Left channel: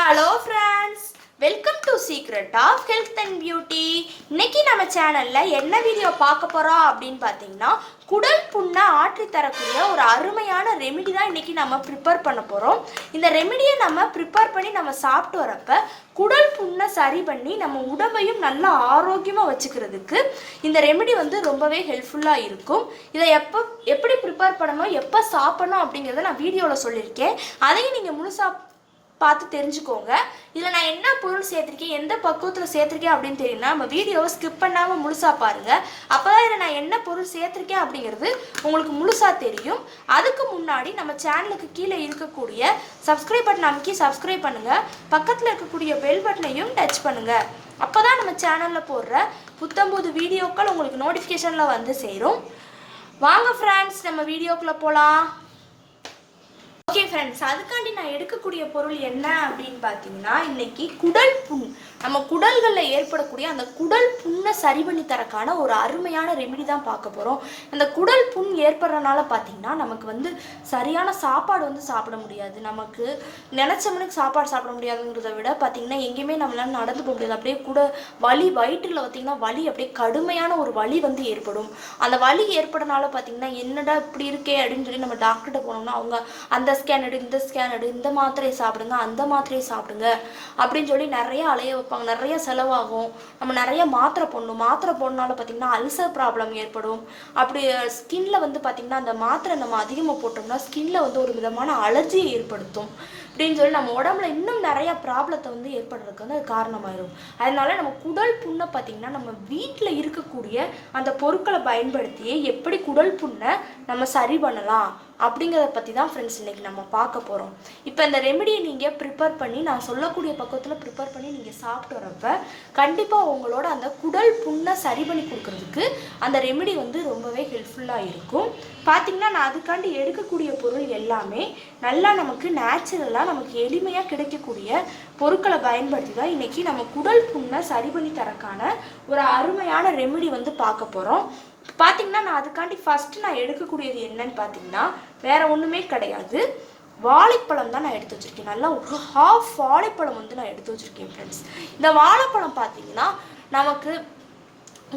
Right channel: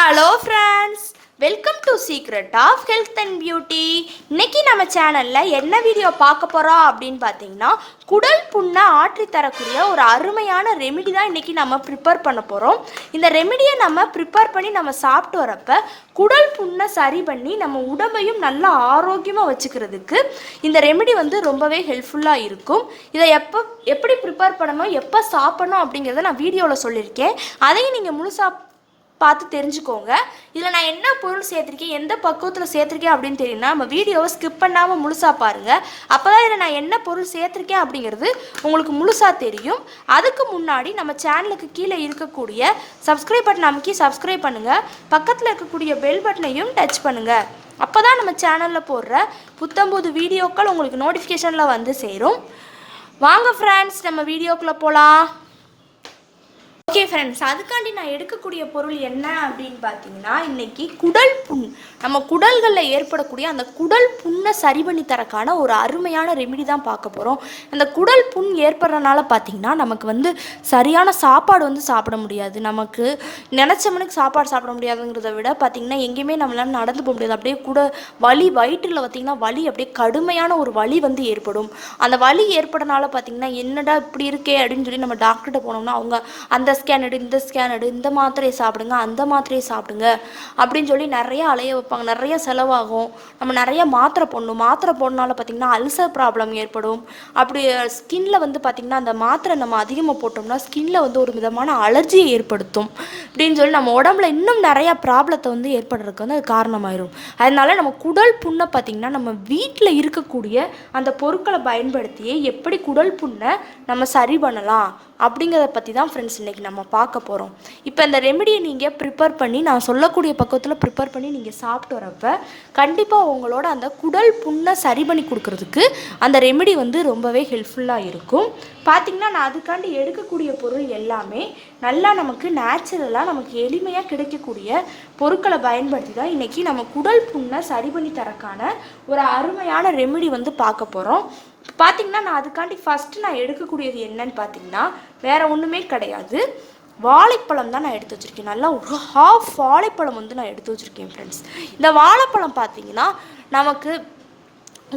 Hello friends, welcome to Secret of Health and Beauty. இன்னைக்கு நம்ம சேனலில் என்ன வீடியோ பார்க்க போகிறோம் அப்படின்னு பார்த்தீங்கன்னா, குடல் புண்ணை ஆற்றி தரக்கூடிய ஒரு அருமையான ரெமிடி தான் இன்றைக்கி நம்ம ப்ரிப்பேர் பண்ண போகிறோம். இந்த ரெமிடியை நம்ம ப்ரிப்பேர் பண்ணி நம்ம சாப்பிட்டு வரப்போ குடல் புண்ணை சரி பண்ணி நம்ம உடம்பையும் நல்லா ஆரோக்கியமாக வச்சுக்கிறதுக்கு இந்த ரெமிடி ரொம்பவே ஹெல்ப்ஃபுல்லாக இருக்கும். இதை எப்படி ப்ரிப்பேர் பண்ணணும், எப்போ சாப்பிடணும் அப்படிங்கிறத நான் வீடியோவில் சொல்லியிருக்கேன். அதையும் நீங்கள் முழுசாக பார்த்து தெரிஞ்சுக்கோங்க. இதில் நான் என்ன பொருள் சேர்த்துருக்கேன், எந்த பக்குவத்தில் சேர்த்துருக்கேன் அப்படின்னு தெரியும்னா நம்ம வீடியோவை ஸ்கிப் பண்ணாமல் முழுசாக பாருங்கள். அப்போ தான் இதில் நான் என்ன பொருள் சேர்த்துருக்கேன் அப்படிங்கிறது உங்களுக்கு முழுசாக தெரியும். அதுக்கு முன்னாடி நம்ம சேனலுக்கு கீழே இருக்கக்கூடிய சப்ஸ்கிரைப் பட்டன் அமைக்கி சப்ஸ்கிரைப் பண்ணுங்கள். பக்கத்தில் இருக்கக்கூடிய பெல் பட்டனையும் டச் பண்ணுங்கள். அப்போ தான் நம்ம சேனலில் போடுற புத்தம்புது வீடியோக்கள் உங்களுக்கு நோட்டிஃபிகேஷனில் வந்து சேரும். வாங்க ஃப்ரெண்ட்ஸ், நம்ம வீடியோக்குள்ளே போகலாம். ஓகே ஃப்ரெண்ட்ஸ், அதுக்காண்டி நான் எடுக்கக்கூடிய பொருள் என்ன அப்படின்னு பார்த்தீங்கன்னா, இன்னைக்கு குடல் புண், நம்ம குடல்களில் ஏற்படக்கூடிய அந்த குடல் புண்ணை சரி பண்ணி தரக்கான ஒரு அருமையான ரெமிடி தான் பார்க்க போகிறோம். அந்த குடல் புண் ஏற்படுறதுனால பார்த்தீங்கன்னா நமக்கு சரியான சாப்பாடு சாப்பிட முடியாது. நமக்கு நினச்ச மணிக்கு சாப்பாடு சாப்பிட முடியாதுங்கிறத விட பார்த்தீங்கன்னா எங்கேயுமே நம்மளால நடந்து போக முடியாது. அப்படியே கூட வலி, வயிற்றில் பார்த்தீங்கன்னா வலி, அப்படியே கடுமையான ஒரு வலி ஏற்படும். அந்த வலி ஏற்படனால பார்த்தீங்கன்னா என்னடா இப்படி இருக்கே அப்படின்னு சொல்லி நம்ம டாக்டர்கிட்ட போனோம்னா அவங்க அந்த ஸ்கேன் எடு, இந்த ஸ்கேன் எடு, இந்த மாத்திரையை சாப்பிடுங்க, அந்த மாத்திரையை சாப்பிடுங்க அப்படின்னு சொல்லி நிறைய அலைய வைப்பாங்க. நிறைய செலவாகும். நம்ம நிறைய மாத்திரை போடணும். மாத்திரை போடனால பார்த்தீங்கன்னா அல்சர் ப்ராப்ளம் ஏற்படும். அப்படி ஸ்கின்ல பார்த்தீங்கன்னா அந்த மாத்திரை நம்ம அதிகமாக போட்டோம்னா ஸ்கின்ல ஒரு விதமான அலர்ஜியை ஏற்படுத்தும். அப்படின்னு சொல்லி நம்ம உடம்புல இன்னும் நிறைய ப்ராப்ளத்தை ஏற்படுறதுக்கு அது காரணமாயிரும். அதனால நம்ம குடல் புண்ணை பார்த்தீங்கன்னா நம்ம வீட்டில் இருக்கக்கூடிய அந்த பொருட்களை பயன்படுத்தியே எப்படி குடல் புண்ணை நம்ம சரி பண்ணலாம் அப்படிங்கிறத பற்றி தான் ஃப்ரெண்ட்ஸ் இன்றைக்கி நம்ம பார்க்க போகிறோம். இப்போ இந்த ரெமிடியை நீங்கள் ப்ரிப்பேர் பண்ணி, நான் சொல்லக்கூடிய பக்கத்தில் ப்ரிப்பேர் பண்ணி நீங்கள் சாப்பிட்டு வரப்போ கண்டிப்பாக உங்களோட அந்த குடல் புண்ணை சரி பண்ணி கொடுக்கறதுக்கு அந்த ரெமிடி ரொம்பவே ஹெல்ப்ஃபுல்லாக இருக்கும். பார்த்திங்கன்னா நான் அதுக்காண்டி எடுக்கக்கூடிய பொருள் எல்லாமே நல்லா நமக்கு நேச்சுரலாக நமக்கு எளிமையாக கிடைக்கக்கூடிய பொருட்களை பயன்படுத்தி தான் இன்றைக்கி நம்ம குடல் புண்ணை சரி பண்ணி தரக்கான ஒரு அருமையான ரெமிடி பார்க்க போகிறோம். பார்த்தீங்கன்னா நான் அதுக்காண்டி ஃபஸ்ட்டு நான் எடுக்கக்கூடியது என்னன்னு பார்த்தீங்கன்னா வேற ஒன்றுமே கிடையாது, வாழைப்பழம் தான் நான் எடுத்து வச்சுருக்கேன். நல்லா ஒரு ஹாஃப் வாழைப்பழம் நான் எடுத்து வச்சுருக்கேன் ஃப்ரெண்ட்ஸ். இந்த வாழைப்பழம் பார்த்தீங்கன்னா நமக்கு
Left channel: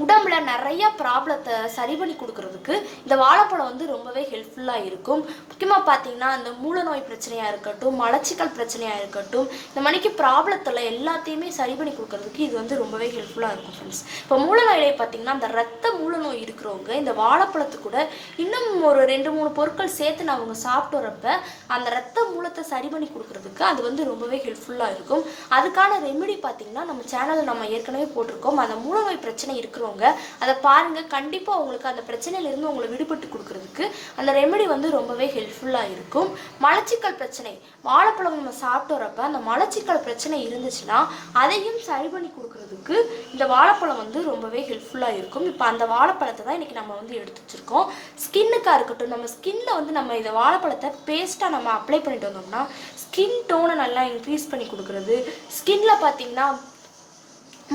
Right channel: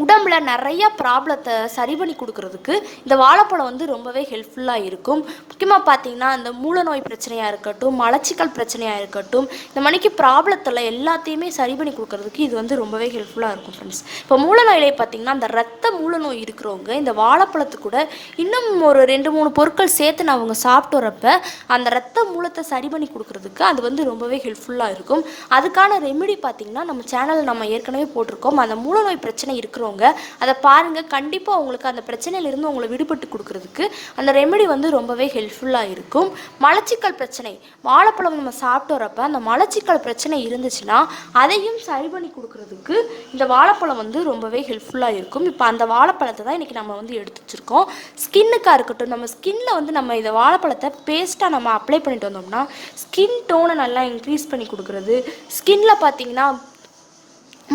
உடம்புல நிறைய ப்ராப்ளத்தை சரி பண்ணி கொடுக்கறதுக்கு இந்த வாழைப்பழம் ரொம்பவே ஹெல்ப்ஃபுல்லாக இருக்கும். முக்கியமாக பார்த்தீங்கன்னா அந்த மூல நோய் பிரச்சனையாக இருக்கட்டும், மலச்சிக்கல் பிரச்சனையாக இருக்கட்டும், இந்த மணிக்கு ப்ராப்ளத்தில் எல்லாத்தையுமே சரி பண்ணி கொடுக்கறதுக்கு இது ரொம்பவே ஹெல்ப்ஃபுல்லாக இருக்கும் ஃப்ரெண்ட்ஸ். இப்போ மூல நோயிலே பார்த்தீங்கன்னா அந்த ரத்த மூல நோய் இருக்கிறவங்க இந்த வாழைப்பழத்து கூட இன்னும் ஒரு 2-3 பொருட்கள் சேர்த்து நான் அவங்க சாப்பிட்டு வரப்ப அந்த ரத்த மூலத்தை சரி பண்ணி கொடுக்கறதுக்கு அது ரொம்பவே ஹெல்ப்ஃபுல்லாக இருக்கும். அதுக்கான ரெமிடி பார்த்தீங்கன்னா நம்ம சேனல் நம்ம ஏற்கனவே போட்டிருக்கோம். அந்த மூல நோய் பிரச்சனை இருக்கிற அதை பாருங்க. கண்டிப்பா உங்களுக்கு அந்த பிரச்சனையில இருந்து உங்களை விடுபட்டு கொடுக்கிறதுக்கு அந்த ரெமெடி ரொம்பவே ஹெல்ப்ஃபுல்லா இருக்கும். மலச்சிக்கல் பிரச்சனை, வாழைப்பழம் நம்ம சாப்பிட்டு வரப்ப அந்த மலச்சிக்கல் பிரச்சனை இருந்துச்சுன்னா அதையும் சரி பண்ணி கொடுக்கறதுக்கு இந்த வாழைப்பழம் ரொம்பவே ஹெல்ப்ஃபுல்லா இருக்கும். இப்போ அந்த வாழைப்பழத்தை தான் இன்னைக்கு நம்ம எடுத்து வச்சிருக்கோம். ஸ்கின்னுக்கா இருக்கட்டும், நம்ம ஸ்கின்ல நம்ம இந்த வாழைப்பழத்தை பேஸ்டா நம்ம அப்ளை பண்ணிட்டு வந்தோம்னா ஸ்கின் டோனை நல்லா இன்க்ரீஸ் பண்ணி கொடுக்கறது. ஸ்கின்ல பார்த்தீங்கன்னா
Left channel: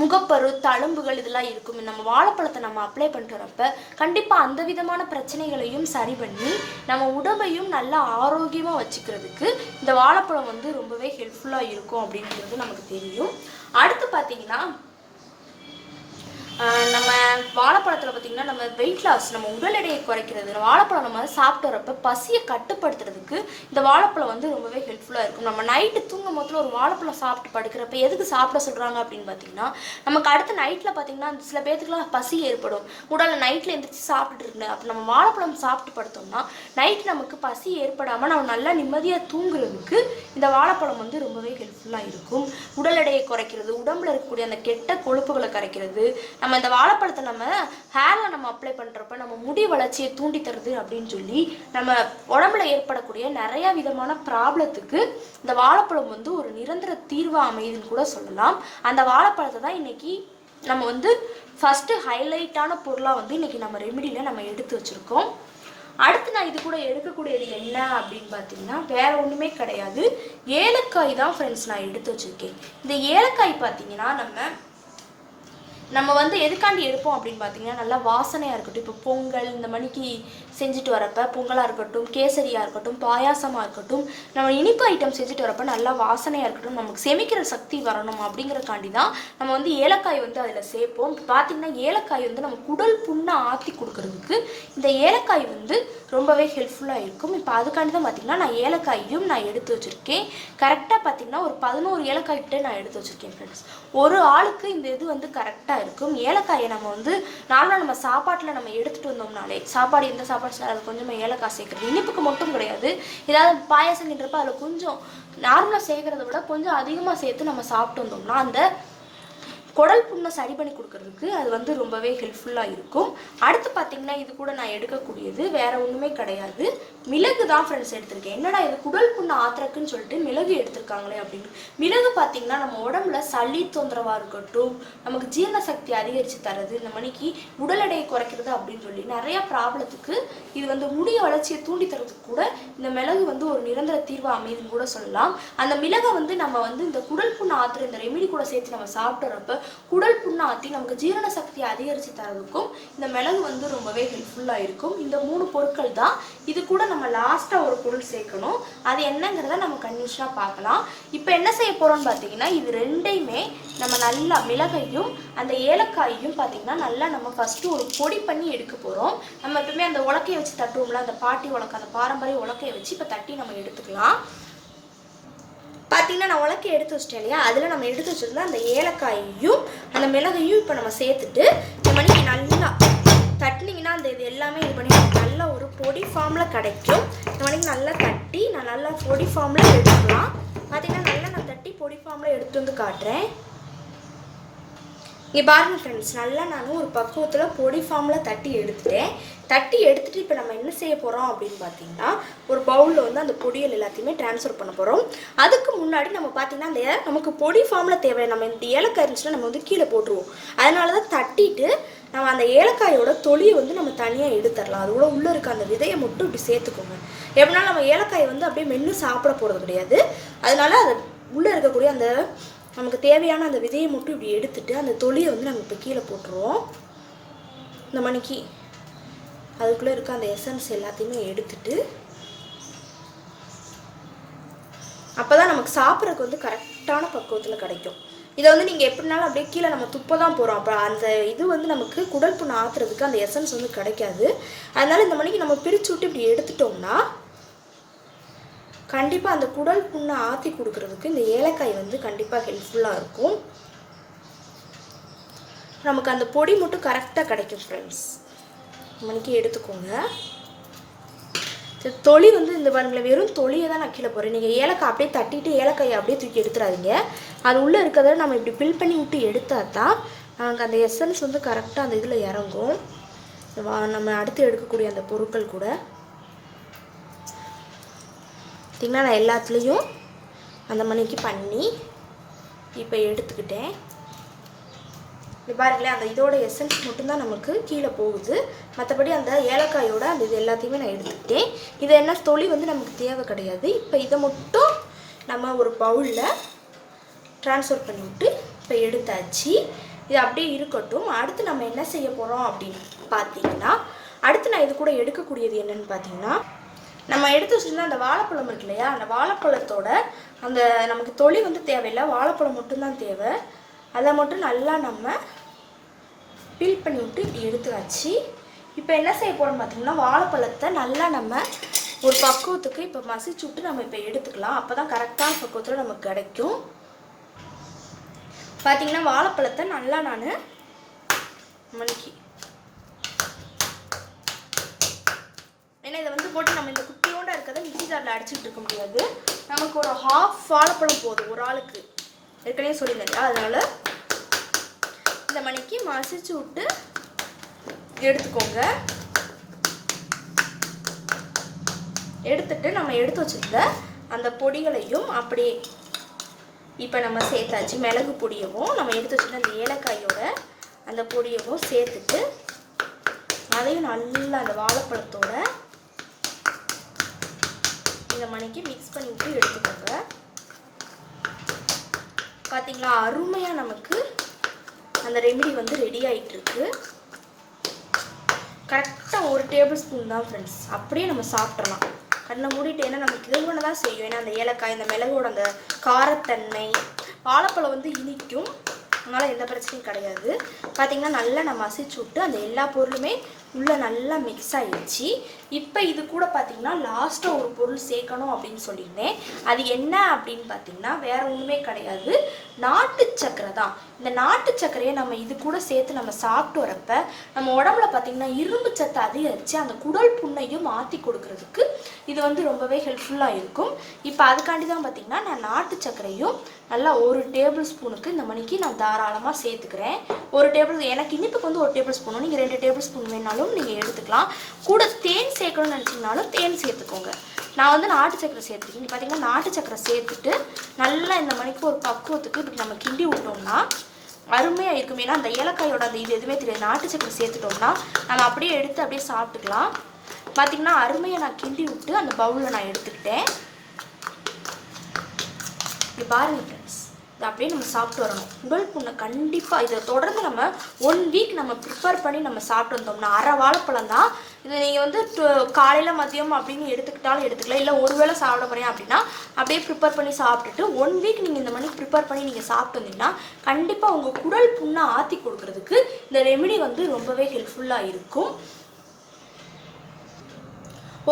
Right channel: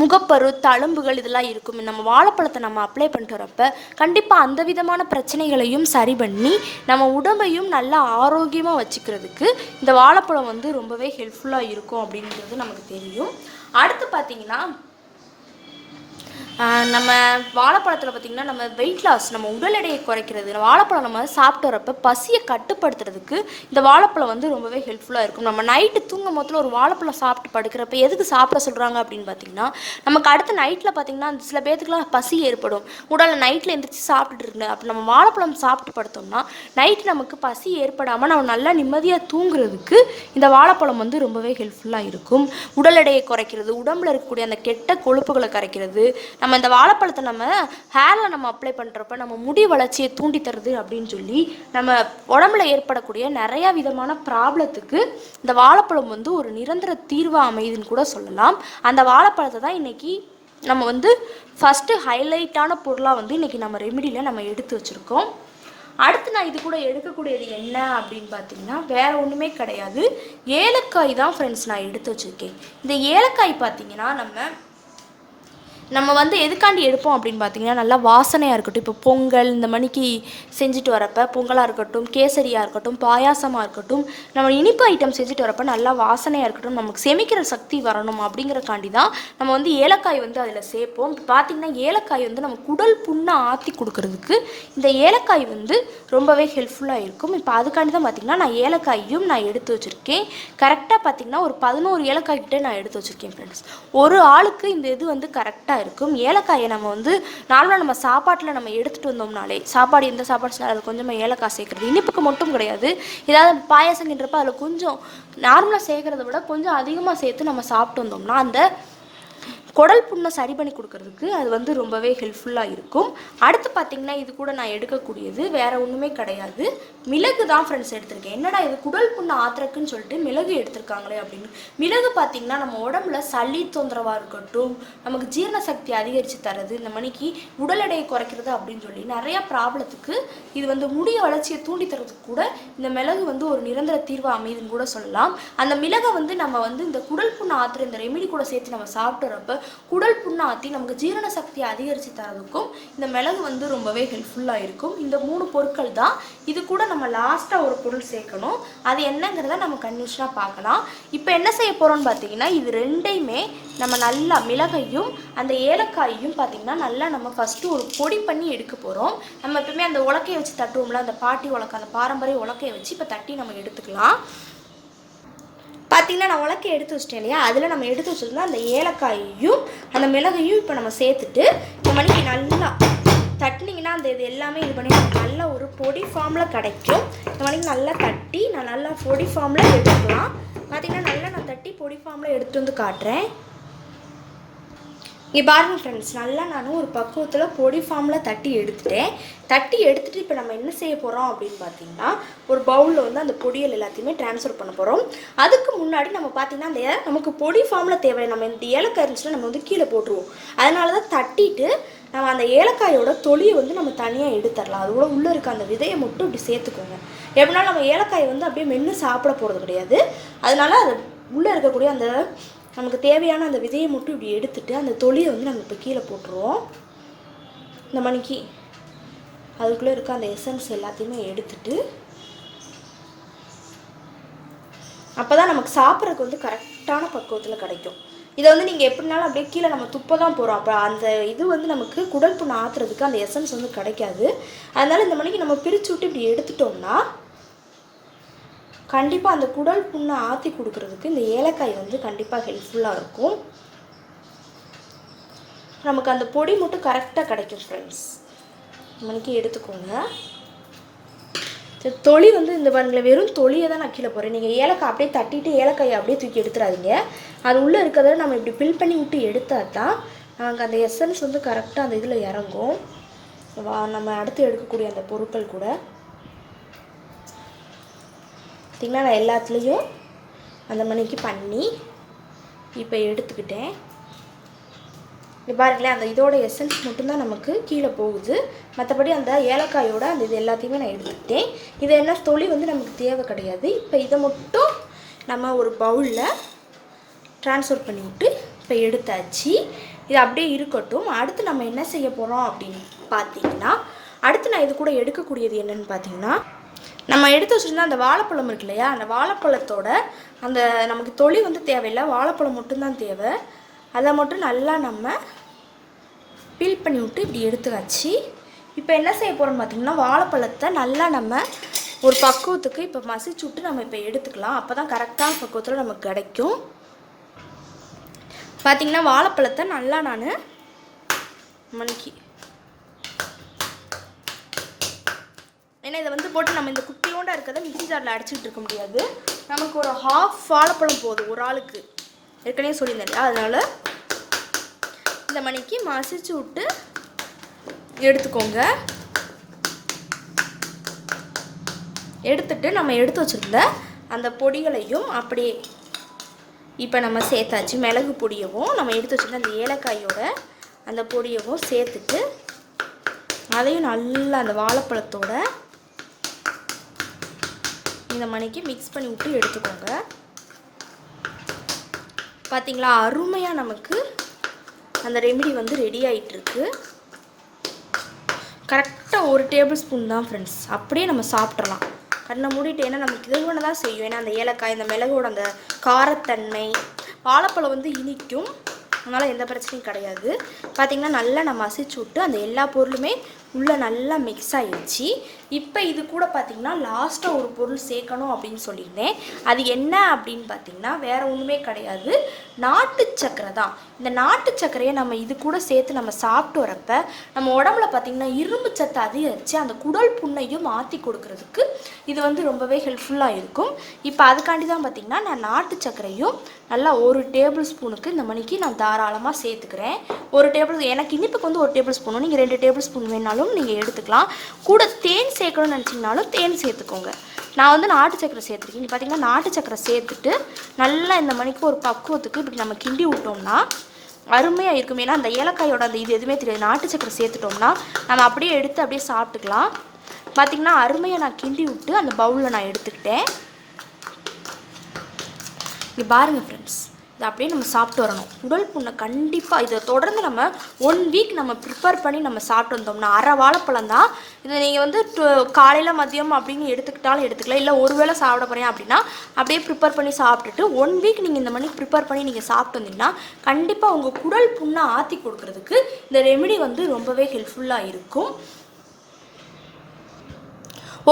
முகப்பரு, தழும்புகள் இதெல்லாம் இருக்கும். நம்ம வாழைப்பழத்தை நம்ம அப்ளை பண்ணிட்டு வரப்ப கண்டிப்பாக அந்த விதமான பிரச்சனைகளையும் சரி பண்ணி நம்ம உடம்பையும் நல்லா ஆரோக்கியமாக வச்சுக்கிறதுக்கு இந்த வாழைப்பழம் ரொம்பவே ஹெல்ப்ஃபுல்லாக இருக்கும் அப்படிங்கிறது நமக்கு தெரியும். அடுத்து பார்த்தீங்கன்னா நம்ம வாழைப்பழத்தில் பார்த்திங்கன்னா நம்ம வெயிட் லாஸ், நம்ம உடல் எடையை குறைக்கிறது, வாழைப்பழம் நம்ம சாப்பிட்டு வரப்போ பசியை கட்டுப்படுத்துறதுக்கு இந்த வாழைப்பழம் ரொம்பவே ஹெல்ப்ஃபுல்லாக இருக்கும். நம்ம நைட்டு தூங்கும் போதில் ஒரு வாழைப்பழம் சாப்பிட்டு படுக்கிறப்ப எதுக்கு சாப்பிட சொல்கிறாங்க அப்படின்னு பார்த்தீங்கன்னா நமக்கு அடுத்த நைட்டில் பார்த்திங்கன்னா சில பேர்த்துக்குலாம் பசி ஏற்படும். உடலில் நைட்டில் எந்திரிச்சு சாப்பிட்டுட்டு இருக்கு. அப்போ நம்ம வாழைப்பழம் சாப்பிட்டு படுத்தோம்னா நைட் நமக்கு பசி ஏற்படாமல் நம்ம நல்லா நிம்மதியாக தூங்குறதுக்கு இந்த வாழைப்பழம் ரொம்பவே ஹெல்ப்ஃபுல்லாக இருக்கும். உடல் எடையை குறைக்கிறது, உடம்புல இருக்கக்கூடிய அந்த கெட்ட கொழுப்புகளை கரைக்கிறது. நம்ம இந்த வாழைப்பழத்தை நம்ம ஹேரில் நம்ம அப்ளை பண்ணுறப்ப நம்ம முடி வளர்ச்சியை தூண்டி தருது அப்படின்னு சொல்லி நம்ம உடம்புல ஏற்படக்கூடிய நிறைய விதமான ப்ராப்ளத்துக்கு இந்த வாழைப்பழம் ஒரு நிரந்தர தீர்வாக அமையுதுன்னு கூட சொல்லலாம். அந்த வாழைப்பழத்தை தான் இன்னைக்கு நம்ம ஃபஸ்ட்டு ஹைலைட்டான பொருளாக இன்னைக்கு நம்ம ரெமிடியில் நம்ம எடுத்து வச்சுருக்கோம். அடுத்து நான் இது கூட எடுக்கக்கூடியது என்ன அப்படின்னு பார்த்தீங்கன்னா வேற ஒன்றுமே கிடையாது, ஏலக்காய் தான் ஃப்ரெண்ட்ஸ் நான் எடுத்து வச்சுருக்கேன். இந்த ஏலக்காய் பார்த்தீங்கன்னா நம்ம நம்ம வந்து எதுக்காண்டி எடுப்போம் அப்படின்னு பார்த்தீங்கன்னா, நல்லா வாசனையாக இருக்கட்டும். இப்போ பொங்கல் இந்த மணிக்கு செஞ்சுட்டு வரப்போ பொங்கலாக இருக்கட்டும், கேசரியாக இருக்கட்டும், பாயாசமாக இருக்கட்டும், நம்ம இனிப்பு ஐட்டம் செஞ்சுட்டு வரப்போ நல்லா வாசனையாக இருக்கட்டும், நமக்கு செமிக்கிற சக்தி வரணும் அப்படிங்கிறக்காண்டி தான் நம்ம வந்து ஏலக்காய் வந்து அதில் சேர்ப்போம். இப்போ பார்த்திங்கன்னா ஏலக்காய் வந்து நம்ம குடல் புண்ணை ஆற்றி கொடுக்கறதுக்கு இந்த ஏலக்காய் வந்து ரொம்பவே ஹெல்ப்ஃபுல்லாக இருக்கும். இப்போ அதுக்காண்டி தான் பார்த்திங்கன்னா நான் ஏலக்காயும் நான் எடுத்து வச்சுருக்கேன். கரெக்டாக பார்த்திங்கன்னா ஒரு 11 ஏலக்காய் கிட்டே நான் எடுத்து வச்சுருக்கேன் ஃப்ரெண்ட்ஸ். ஒரு ஆளுக்கு இந்த இது வந்து கரெக்டாக இருக்கும். ஏலக்காயை நம்ம வந்து நார்மலாக நம்ம சாப்பாட்டில் நம்ம எடுத்துகிட்டு வந்தோம்னாலே, சாப்பாடு எந்த சாப்பாடு சொன்னாலும் அது கொஞ்சமாக ஏலக்காய் சேர்க்குறது இனிப்புக்கு மட்டும் கிடையாது. ஏதாவது பாயாசங்கின்றப்ப அதில் கொஞ்சம் நார்மலாக சேர்க்குறத விட கொஞ்சம் அதிகமாக சேர்த்து நம்ம சாப்பிட்டு வந்தோம்னா அந்த குடல் புண்ணை சரி பண்ணி கொடுக்கறதுக்கு அது வந்து ரொம்பவே ஹெல்ப்ஃபுல்லாக இருக்கும். அடுத்து பார்த்திங்கன்னா இது கூட நான் எடுக்கக்கூடியது வேறு ஒன்றுமே கிடையாது, மிளகு தான் ஃப்ரெண்ட்ஸ் எடுத்திருக்கேன். என்னடா இது குடல் புண்ணை ஆத்திரக்குன்னு சொல்லிட்டு மிளகு எடுத்திருக்காங்களே அப்படின்னு. மிளகு பார்த்திங்கன்னா நம்ம உடம்புல சளி தொந்தரவாக இருக்கட்டும், நமக்கு ஜீரண சக்தி அதிகரித்து தரது, இந்த மணிக்கு உடல் எடையை குறைக்கிறது அப்படின்னு சொல்லி நிறையா ப்ராப்ளத்துக்கு இது வந்து முடிய வளர்ச்சியை தூண்டி தரதுக்கு கூட இந்த மிளகு வந்து ஒரு நிரந்தர தீர்வு அமைதுன்னு கூட சொல்லலாம். அந்த மிளகை வந்து நம்ம வந்து இந்த குடல் புண்ணை ஆத்திர இந்த ரெமிடி கூட சேர்த்து நம்ம சாப்பிட்றப்ப குடல் புண்ணை ஆற்றி நமக்கு ஜீரண சக்தியை அதிகரித்து தரதுக்கும் இந்த மிளகு வந்து ரொம்பவே ஹெல்ப்ஃபுல்லாக இருக்கும். இந்த 3 பொருட்கள் தான். இது கூட நம்ம லாஸ்ட்டாக ஒரு பொருள் சேர்க்கணும். அது என்னங்கிறத நம்ம கண்டிஷனாக பார்க்கலாம். இப்போ என்ன செய்ய போகிறோம்னு பார்த்தீங்கன்னா இது ரெண்டையுமே நம்ம நல்லா மிளகையும் அந்த ஏலக்காயையும் பார்த்திங்கன்னா நல்லா நம்ம ஃபஸ்ட்டு ஒரு பொடி பண்ணி எடுக்க போகிறோம். நம்ம எப்பவுமே அந்த உலக்கையை வச்சு தட்டுவோம்ல, அந்த பாட்டி உலக்கை, அந்த பாரம்பரிய உலக்கையை வச்சு இப்போ தட்டி நம்ம எடுத்துக்கலாம். பார்த்திங்கன்னா நான் உலக்கை எடுத்து வச்சிட்டேன் இல்லையா, அதில் நம்ம எடுத்து வச்சுருந்தா அந்த ஏலக்காயையும் அந்த மிளகையும் இப்போ நம்ம சேர்த்துட்டு இந்த மாதிரி நல்லா தட்டினீங்கன்னா அந்த இது எல்லாமே இது பண்ணி நல்லா ஒரு பொடி ஃபார்மில் கிடைக்கும். இந்த மாதிரி நல்லா தட்டி நான் நல்லா பொடி ஃபார்மில் எடுத்துக்கலாம். பார்த்திங்கன்னா நல்லா நான் தட்டி பொடி ஃபார்மில் எடுத்துகிட்டு வந்து காட்டுறேன். இங்கே பாருங்கள் ஃப்ரெண்ட்ஸ், நல்லா நான் ஒரு பக்குவத்தில் பொடி ஃபார்மில் தட்டி எடுத்துகிட்டு இப்போ நம்ம என்ன செய்ய போகிறோம் அப்படின்னு பார்த்தீங்கன்னா ஒரு பவுலில் வந்து அந்த பொடிகள் எல்லாத்தையுமே ட்ரான்ஸ்ஃபர் பண்ண போகிறோம். அதுக்கு முன்னாடி நம்ம பார்த்திங்கன்னா அந்த நமக்கு பொடி ஃபார்மில் தேவையான நம்ம இந்த ஏலக்காய் இருந்துச்சுன்னா நம்ம வந்து கீழே போட்டுருவோம். அதனால தான் தட்டிட்டு நம்ம அந்த ஏலக்காயோட தொலியை வந்து நம்ம தனியாக எடுத்துடலாம். அது கூட உள்ளே இருக்க அந்த விதையை மட்டும் இப்படி சேர்த்துக்கோங்க. எப்படினாலும் நம்ம ஏலக்காயை வந்து அப்படியே மென்று சாப்பிட போகிறது கிடையாது. அதனால அது உள்ளே இருக்கக்கூடிய அந்த நமக்கு தேவையான அந்த விதையை மட்டும் இப்படி எடுத்துட்டு அந்த தொலியை வந்து நம்ம இப்போ கீழே போட்டுருவோம். இந்த மணிக்கு அதுக்குள்ளே இருக்க அந்த எசன்ஸ் எல்லாத்தையுமே எடுத்துட்டு அப்போ தான் நமக்கு சாப்பிட்றதுக்கு வந்து கரெக்டான பக்குவத்தில் கிடைக்கும். இதை வந்து நீங்கள் எப்படினாலும் அப்படியே கீழே நம்ம துப்ப தான் போகிறோம். அப்போ அந்த இது வந்து நமக்கு குடல் புண்ணை ஆற்றுறதுக்கு அந்த எசன்ஸ் வந்து கிடைக்காது. அதனால் இந்த மணிக்கு நம்ம பிரித்து விட்டு இப்படி எடுத்துட்டோம்னா கண்டிப்பாக அந்த குடல் புண்ணை ஆற்றி கொடுக்கறதுக்கு இந்த ஏலக்காய் வந்து கண்டிப்பாக ஹெல்ப்ஃபுல்லாக இருக்கும். நமக்கு அந்த பொடி மட்டும் கரெக்டாக கிடைக்கும் ஃப்ரெண்ட்ஸ். மணிக்கு எடுத்துக்கோங்க. தொளி வந்து இந்த பண்ணில் வெறும் தொளியை தான் நான் கீழே போகிறேன். நீங்கள் ஏலக்காய் அப்படியே தட்டிட்டு ஏலக்காயை அப்படியே தூக்கி எடுத்துடாதீங்க. அது உள்ளே இருக்கிறத நம்ம இப்படி ஃபில் பண்ணி விட்டு எடுத்தால் தான் நமக்கு அந்த எசன்ஸ் வந்து கரெக்டாக அந்த இதில் இறங்கும். நம்ம அடுத்து எடுக்கக்கூடிய அந்த பொருட்கள் கூட பார்த்திங்கன்னா நான் எல்லாத்துலேயும் அந்த மணிக்கு பண்ணி இப்போ எடுத்துக்கிட்டேன். இப்போ பாருங்களேன், அந்த இதோட எசன்ஸ் மட்டும்தான் நமக்கு கீழே போகுது. மற்றபடி அந்த ஏலக்காயோட அந்த இது எல்லாத்தையுமே நான் எடுத்துக்கிட்டேன். இது என்ன தொளி வந்து நமக்கு தேவை கிடையாது. இப்போ இதை மட்டும் நம்ம ஒரு பவுலில் ட்ரான்ஸ்ஃபர் பண்ணிவிட்டு இப்போ எடுத்தாச்சு. இது அப்படியே இருக்கட்டும். அடுத்து நம்ம என்ன செய்ய போகிறோம் அப்படின்னு பார்த்தீங்கன்னா அடுத்து நான் இது கூட எடுக்கக்கூடியது என்னென்னு பார்த்தீங்கன்னா நம்ம எடுத்து வச்சுருந்தா அந்த வாழைப்பழம் இருக்கு இல்லையா, அந்த வாழைப்பழத்தோட அந்த நமக்கு தொளி வந்து தேவையில்லை, வாழைப்பழம் மட்டும்தான் தேவை. அதை மட்டும் நல்லா நம்ம பீல் பண்ணி விட்டு இப்படி எடுத்து வச்சு இப்போ என்ன செய்ய போகிறோம்னு பார்த்தீங்கன்னா வாழைப்பழத்தை நல்லா நம்ம ஒரு பக்குவத்துக்கு இப்போ மசிச்சு விட்டு நம்ம இப்போ எடுத்துக்கலாம். அப்போ தான் கரெக்டான பக்குவத்தில் நமக்கு கிடைக்கும். பார்த்திங்கன்னா வாழைப்பழத்தை நல்லா நான் மணிக்கு ஏன்னா இதை வந்து போட்டு நம்ம இந்த குட்டியோண்டா இருக்கிறத மிக்ஸி ஜாரில் அடிச்சுட்டு இருக்க முடியாது. நமக்கு ஒரு ஹாஃப் வாழைப்பழம் போதும் ஒரு ஆளுக்கு, ஏற்கனவே சொல்லியிருந்தேன். அதனால் இந்த மணிக்கு மசிச்சு விட்டு எடுத்துக்கோங்க. எடுத்துட்டு நம்ம எடுத்து வச்சுருந்த அந்த பொடிகளையும் அப்படியே இப்போ நம்ம சேர்த்தாச்சு. மிளகு பொடியவும் நம்ம எடுத்து வச்சுருந்த அந்த ஏலக்காயோட அந்த பொடியவும் சேர்த்துட்டு அதையும் நல்லா அந்த வாழைப்பழத்தோட இந்த மணிக்கு மிக்ஸ் பண்ணி விட்டு எடுத்துக்கோங்க. பார்த்தீங்களா, அருமையாக நமக்கு அந்த ரெமிடி வந்து ரெடி ஆகிட்டு இருக்கு. கரெக்டாக 1 டேபிள் ஸ்பூன் தான் ஃப்ரெண்ட்ஸ். அப்படியே நம்ம சாப்பிட்றலாம். கண்ணை மூடிட்டு, ஏன்னா நமக்கு இதுவனை தான் செய்யும். ஏன்னா அந்த ஏலக்காய், இந்த மிளகோட அந்த காரத்தன்மை, வாழைப்பழம் வந்து இனிக்கும், அதனால் எந்த பிரச்சனையும் கிடையாது. பார்த்திங்கன்னா நல்லா நம்ம மசிச்சு விட்டு அந்த எல்லா பொருளுமே உள்ளே நல்லா மிக்ஸ் ஆகிடுச்சு. இப்போ இது கூட பார்த்திங்கன்னா லாஸ்ட்டாக ஒரு பொருள் சேர்க்கணும் அப்படின்னு சொல்லியிருந்தேன். அது என்ன அப்படின்னு பார்த்திங்கன்னா வேறு ஒன்றுமே கிடையாது, நாட்டு சக்கரை தான். இந்த நாட்டு சக்கரையை நம்ம இது கூட சேர்த்து நம்ம சாப்பிட்டு வரப்ப நம்ம உடம்புல பார்த்திங்கன்னா இரும்பு சத்து அதிகரித்து அந்த குடல் புண்ணையும் மாற்றி கொடுக்கறதுக்கு இது வந்து ரொம்பவே ஹெல்ப்ஃபுல்லாக இருக்கும். இப்போ அதுக்காண்டி தான் பார்த்திங்கன்னா நான் நாட்டு சக்கரையும் நல்லா 1 டேபிள் ஸ்பூனுக்கு இந்த மணிக்கு நான் தாராளமாக சேர்த்துக்கிறேன். 1 டேபிள், எனக்கு இனிப்புக்கு வந்து 1 டேபிள் ஸ்பூனும், நீங்கள் 2 டேபிள் ஸ்பூன் வேணாலும் நீங்கள் எடுத்துக்கலாம். கூட தேன் சேர்க்கணும்னு நினச்சிங்கனாலும் தேன் சேர்த்துக்கோங்க. நான் வந்து நாட்டு சக்கரை சேர்த்துருக்கேன். இங்கே பார்த்தீங்கன்னா நாட்டு சக்கரை சேர்த்துட்டு நல்லா இந்த மணிக்கு ஒரு பக்குவத்துக்கு இப்படி நம்ம கிண்டி விட்டோம்னா அருமையாக இருக்கும். ஏன்னா அந்த ஏலக்காயோட அந்த இது எதுவுமே தெரியாது. நாட்டு சக்கரை சேர்த்துட்டோம்னா நம்ம அப்படியே எடுத்து அப்படியே சாப்பிட்டுக்கலாம். பார்த்திங்கன்னா அருமையாக நான் கிண்டி விட்டு அந்த பவுலில் நான் எடுத்துக்கிட்டேன். இங்கே பாருங்கள் ஃப்ரெண்ட்ஸ், இதை அப்படியே நம்ம சாப்பிட்டு வரணும். குடல் புண்ணை கண்டிப்பாக இதை தொடர்ந்து நம்ம 1 வீக் நம்ம ப்ரிப்பேர் பண்ணி நம்ம சாப்பிட்டு வந்தோம்னா, அரை வாழைப்பழம் தான் இதை நீங்கள் வந்து காலையில் மதியம் அப்படின்னு எடுத்துக்கிட்டாலும் எடுத்துக்கலாம். இல்லை ஒரு வேளை சாப்பிட போகிறேன் அப்படின்னா அப்படியே ப்ரிப்பேர் பண்ணி சாப்பிட்டுட்டு 1 வீக் நீங்கள் இந்த மாதிரி ப்ரிப்பேர் பண்ணி நீங்கள் சாப்பிட்டு வந்தீங்கன்னா கண்டிப்பாக உங்கள் குடல் புண்ணை ஆற்றி கொடுக்குறதுக்கு இந்த ரெமெடி வந்து ரொம்பவே ஹெல்ப்ஃபுல்லாக இருக்கும்.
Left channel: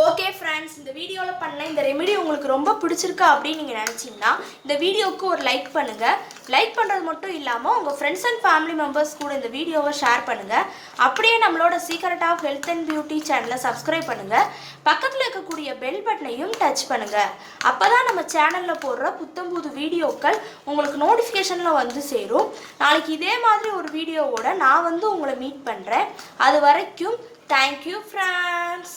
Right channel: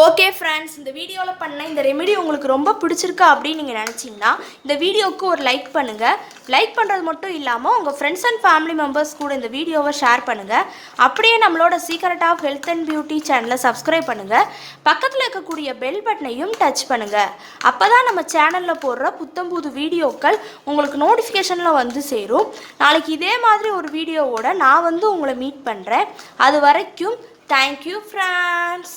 ஓகே ஃப்ரெண்ட்ஸ், இந்த வீடியோவில் பண்ண இந்த ரெமெடி உங்களுக்கு ரொம்ப பிடிச்சிருக்கா அப்படின்னு நீங்கள் நினச்சிங்கன்னா இந்த வீடியோவுக்கு ஒரு லைக் பண்ணுங்கள். லைக் பண்ணுறது மட்டும் இல்லாமல் உங்கள் ஃப்ரெண்ட்ஸ் அண்ட் ஃபேமிலி மெம்பர்ஸ் கூட இந்த வீடியோவை ஷேர் பண்ணுங்கள். அப்படியே நம்மளோட Secret of Health and Beauty சேனலை சப்ஸ்கிரைப் பண்ணுங்கள். பக்கத்தில் இருக்கக்கூடிய பெல் பட்டனையும் டச் பண்ணுங்கள். அப்போ தான் நம்ம சேனலில் போடுற புத்தம்புது வீடியோக்கள் உங்களுக்கு நோட்டிஃபிகேஷனில் வந்து சேரும். நாளைக்கு இதே மாதிரி ஒரு வீடியோவோட நான் வந்து உங்களை மீட் பண்ணுறேன். அது வரைக்கும் தேங்க்யூ ஃப்ரெண்ட்ஸ்.